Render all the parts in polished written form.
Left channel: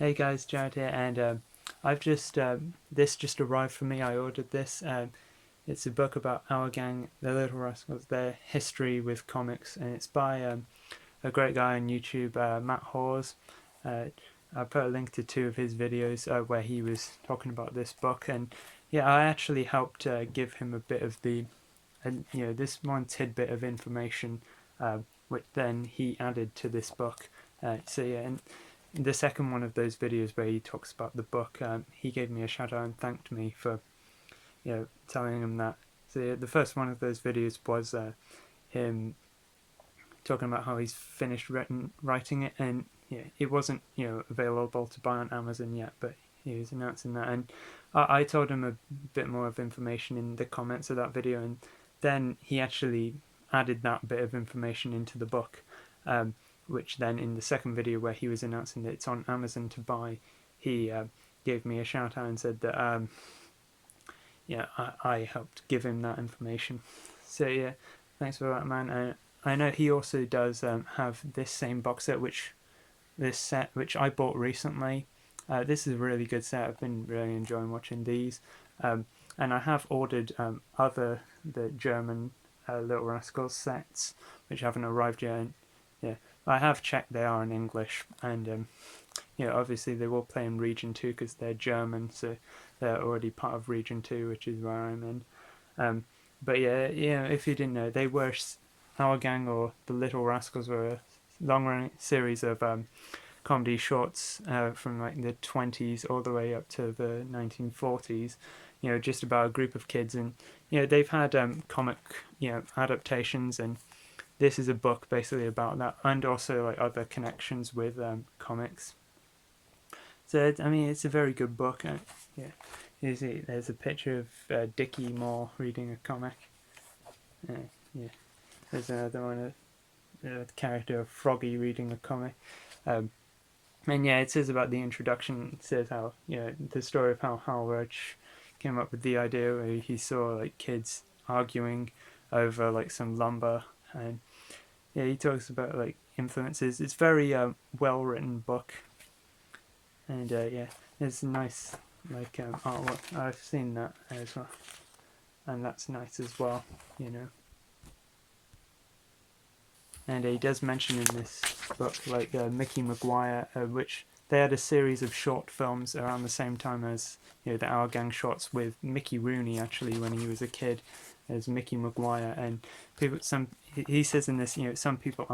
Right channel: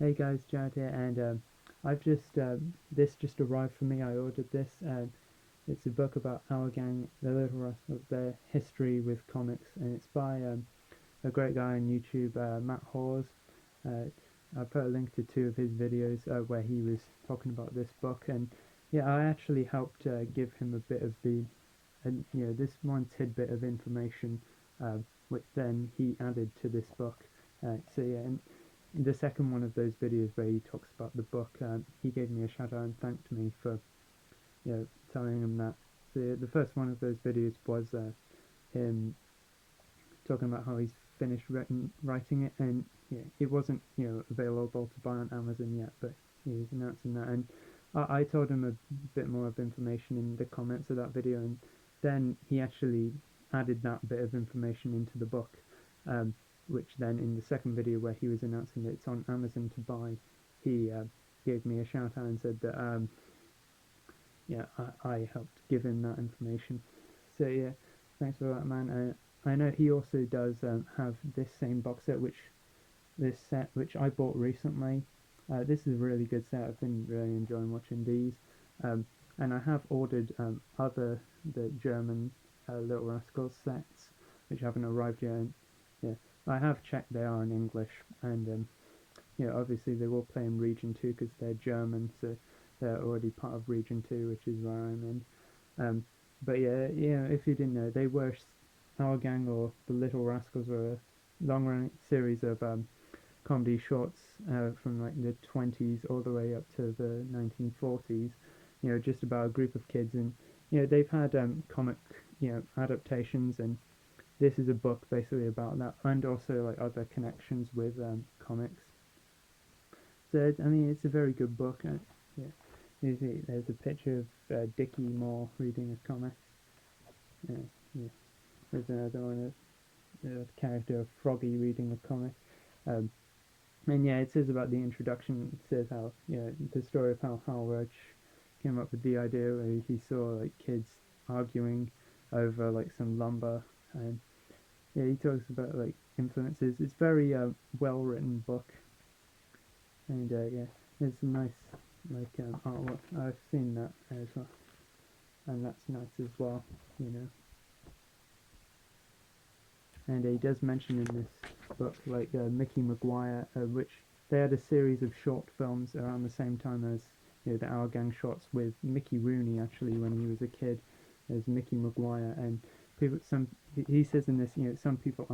Hey guys, Jared here, and I've just this just arrived for me. I ordered this. It's a book about our gang, the Little Rascals, their history with comics, and it's by a great guy on YouTube, Matt Hawes. Uh, I put a link to two of his videos where he was talking about this book, and yeah, I actually helped give him a bit of this one tidbit of information, which then he added to this book. So yeah, and the second one of those videos where he talks about the book, he gave me a shout out and thanked me for telling him that. So yeah, the first one of those videos was him talking about how he's finished writing it, and yeah, it wasn't available to buy on Amazon yet, but he was announcing that, and I told him a bit more of information in the comments of that video, and then he actually added that bit of information into the book, which then in the second video where he was announcing that it's on Amazon to buy, he gave me a shout out and said that I helped give him that information. So yeah, thanks for that, man. I know he also does have this same box set, this set which I bought recently. This is a really good set. I've been really enjoying watching these, and I have ordered the German Little Rascals sets, which haven't arrived yet. And, yeah, I have checked; they are in English, and obviously they will play in Region 2 because they're German, so they're already part of Region 2, which is where I'm in. But yeah, if you didn't know, Our Gang, or the Little Rascals, were a long-running series of comedy shorts from like the 20s all the way up to the 1940s. Just about a group of kids, and they've had comic adaptations, and this is a book basically about that, and also like other connections with comics. So I mean, it's a very good book. Yeah, there's a picture of Dickie Moore reading a comic. Yeah, there's another one, the character of Froggy reading a comic. And yeah, it says about the introduction. It says how the story of how Hal Roach came up with the idea where he saw like kids arguing over like some lumber, and yeah, he talks about like influences. It's very well written book, and yeah, there's nice like artwork. I've seen that as well, and that's nice as well. And he does mention in this book like Mickey Maguire, which they had a series of short films around the same time as the Our Gang shorts with Mickey Rooney actually when he was a kid as Mickey Maguire, and he says in this some people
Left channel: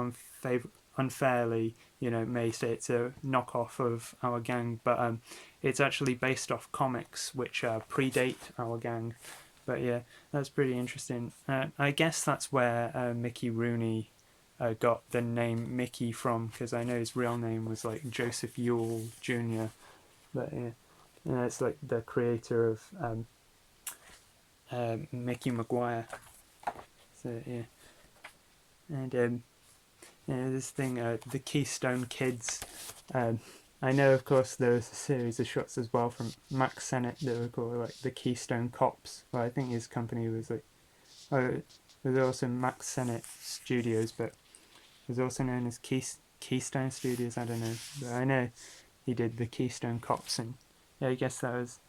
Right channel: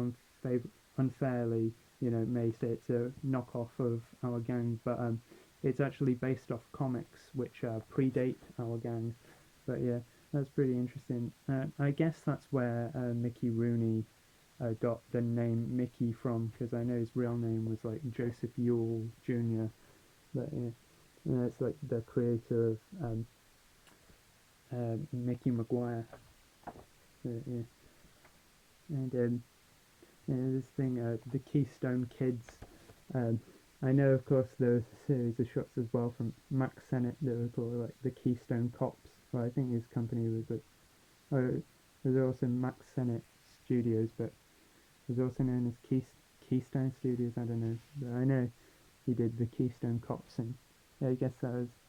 unfairly may say it's a knockoff of Our Gang, but it's actually based off comics which predate Our Gang. But yeah, that's pretty interesting. I guess that's where Mickey Rooney got the name Mickey from, because I know his real name was like Joseph Yule Jr. But yeah, it's like the creator of Mickey Maguire. So yeah, and this thing, the Keystone Kids. I know, of course, there was a series of shots as well from Max Sennett that were called like the Keystone Cops. Well, I think his company was like, oh, there's also Max Sennett Studios, but it was also known as Keystone Studios. I don't know, but I know he did the Keystone Cops, and yeah, I guess that was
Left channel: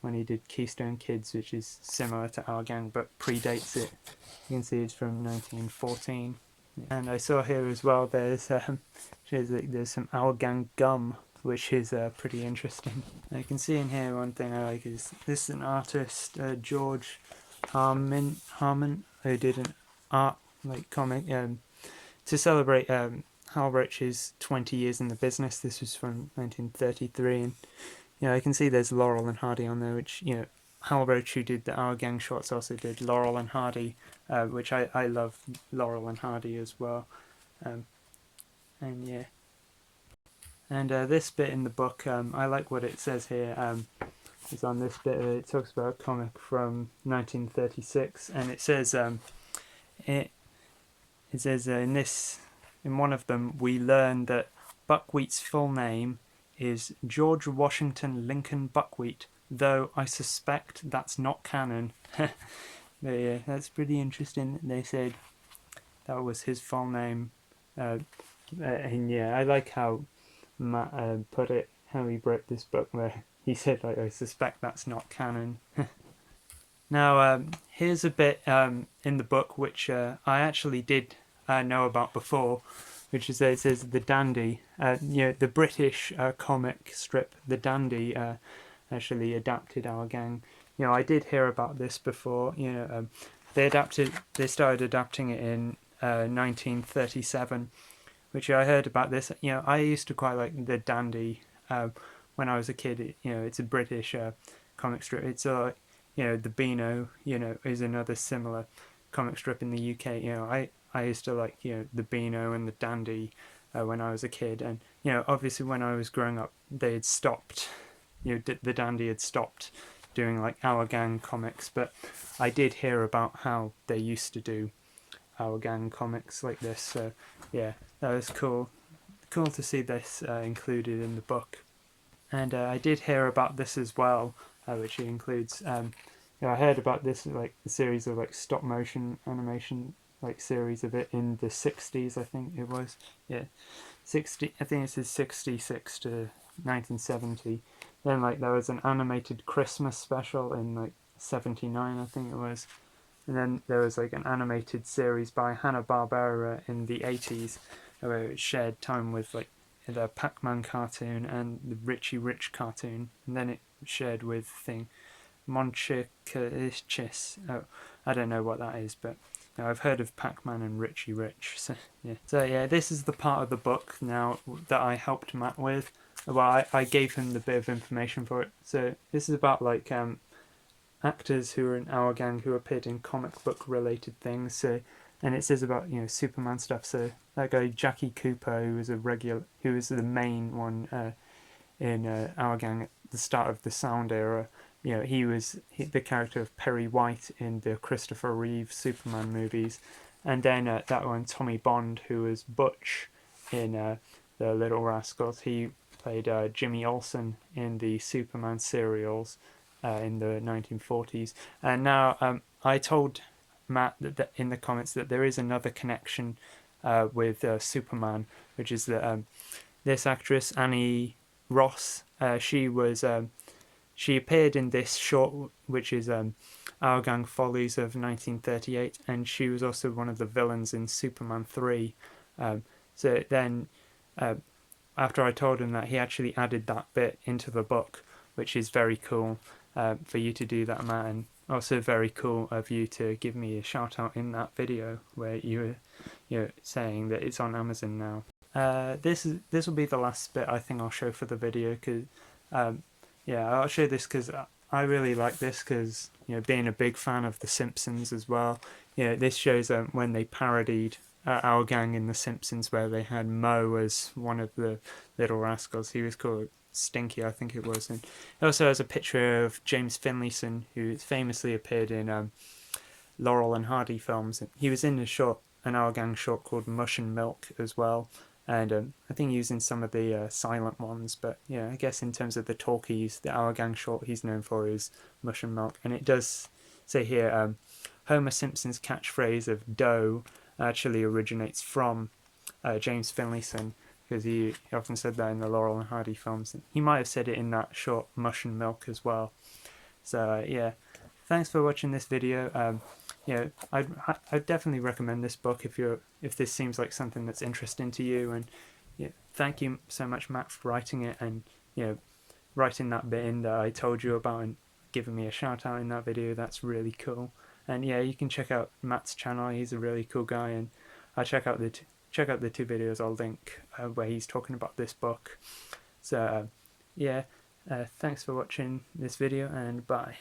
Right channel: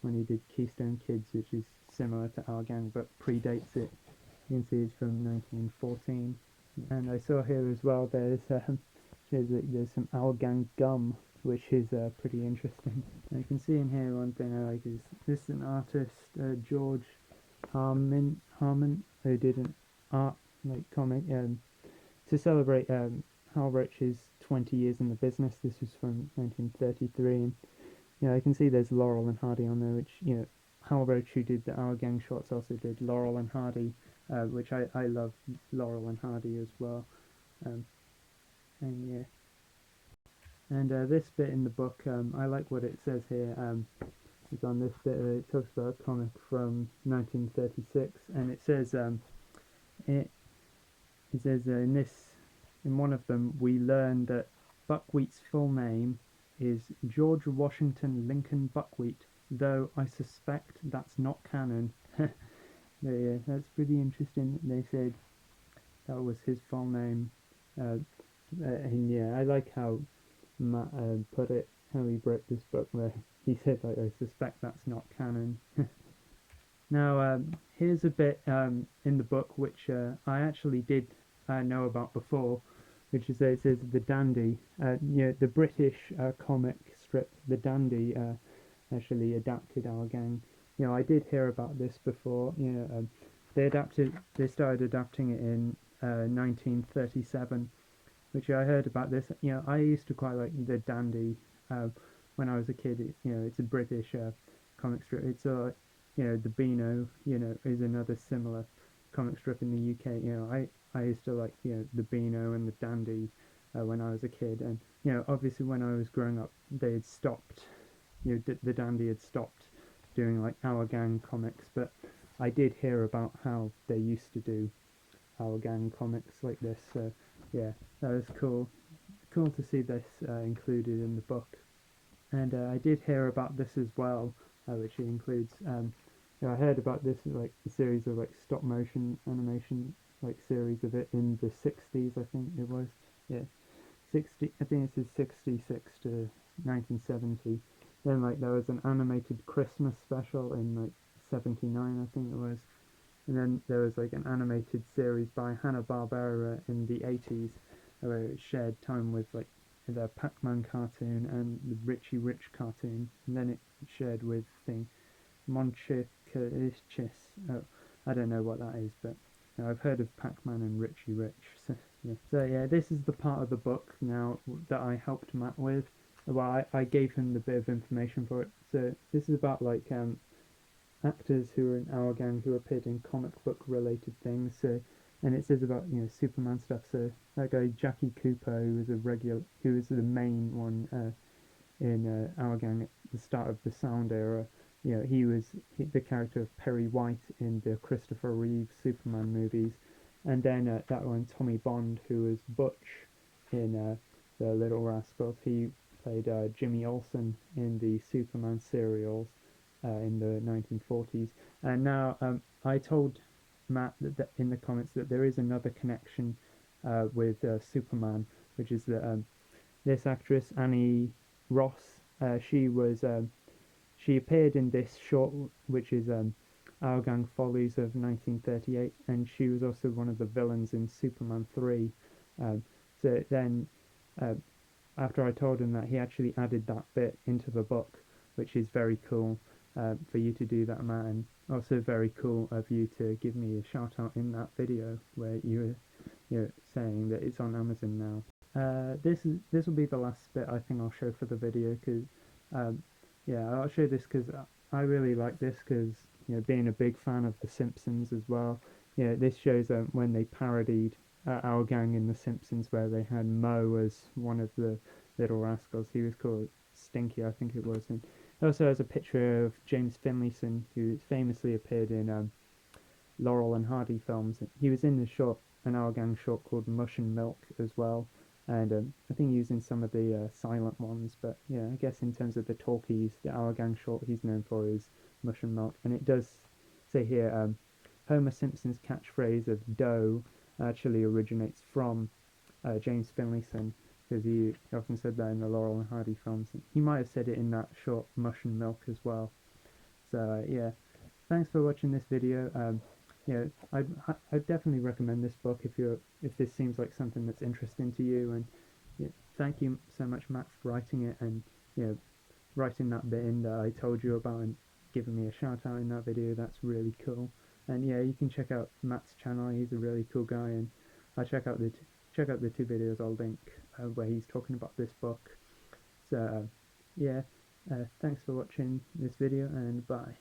when he did Keystone Kids, which is similar to Our Gang but predates it. You can see it's from 1914. And I saw here as well there's some Our Gang gum, which is pretty interesting. I can see in here one thing I like is this is an artist, George Harmon, who did an art like comic to celebrate Hal Roach's 20 years in the business. This was from 1933, and I can see there's Laurel and Hardy on there, which Hal Roach, who did the Our Gang shorts, also did Laurel and Hardy, which I love Laurel and Hardy as well. And yeah, and this bit in the book, I like what it says here. Is on this bit, it talks about a comic from 1936, and it says it says in one of them we learn that Buckwheat's full name is George Washington Lincoln Buckwheat, though I suspect that's not canon. But yeah, that's pretty interesting. They said that was his full name, and yeah, I like how Matt put it. how he wrote this book, where he said, like, I suspect that's not canon. Now, here's a bit in the book which I actually did know about before, which is that it says the Dandy, the British comic strip, the Dandy, actually adapted Our Gang. I did hear about this before. They started adapting it in 1937, which I heard about this. I used to quite like the Dandy when I was a kid. It's a British comic strip. It's the Beano, is another similar comic strip in the UK. I used to like, the Beano and the Dandy when I was a kid. And, obviously when I was growing up, they had stopped, the Dandy had stopped doing like Our Gang comics. But I did hear about how they used to do Our Gang comics like this. So, yeah, that was cool. Cool to see this included in the book. And I did hear about this as well, which includes... I heard about this, like a series of like stop motion animation, like series of it in the 60s, I think it was. Yeah, 60. I think it says 66 to 1970. Then like there was an animated Christmas special in like 79, I think it was. And then there was like an animated series by Hanna-Barbera in the 80s, where it shared time with like the Pac-Man cartoon and the Richie Rich cartoon, and then it shared with Monchhichis. Oh, I don't know what that is, but I've heard of Pac-Man and Richie Rich. So yeah, this is the part of the book now that I helped Matt with. Well, I gave him the bit of information for it. So this is about like actors who are in Our Gang who appeared in comic book related things. So, and it says about Superman stuff. So that guy Jackie Cooper, who was the main one in Our Gang at the start of the Sound era. He was the character of Perry White in the Christopher Reeve Superman movies. And then that one, Tommy Bond, who was Butch in The Little Rascals. He played Jimmy Olsen in the Superman serials in the 1940s. And now I told Matt that in the comments that there is another connection with Superman, which is that this actress, Annie Ross, she appeared in this short, which is Our Gang Follies of 1938, and she was also one of the villains in Superman 3. So then, after I told him that, he actually added that bit into the book, which is very cool for you to do that, Matt, and also very cool of you to give me a shout out in that video where you were saying that it's on Amazon now. This will be the last bit I think I'll show for the video, because I'll show this because I really like this, because being a big fan of The Simpsons as well. This shows when they parodied Our Gang in The Simpsons, where they had Moe as one of the Little Rascals. He was called Stinky, I think it was. And it also has a picture of James Finlayson, who famously appeared in Laurel and Hardy films. He was in an Our Gang short called Mush and Milk as well. And I think he was in some of the silent ones, but I guess in terms of the talkies, the Our Gang short he's known for is Mush and Milk. And it does say here, Homer Simpson's catchphrase of dough actually originates from James Finlayson, because he often said that in the Laurel and Hardy films. He might have said it in that short Mush and Milk as well. So thanks for watching this video. I'd definitely recommend this book if this seems like something that's interesting to you. And thank you so much, Matt, for writing it, and writing that bit in that I told you about and giving me a shout out in that video. That's really cool. And you can check out Matt's channel. He's a really cool guy, and I'll check out the two videos I'll link where he's talking about this book. So thanks for watching this video, and bye.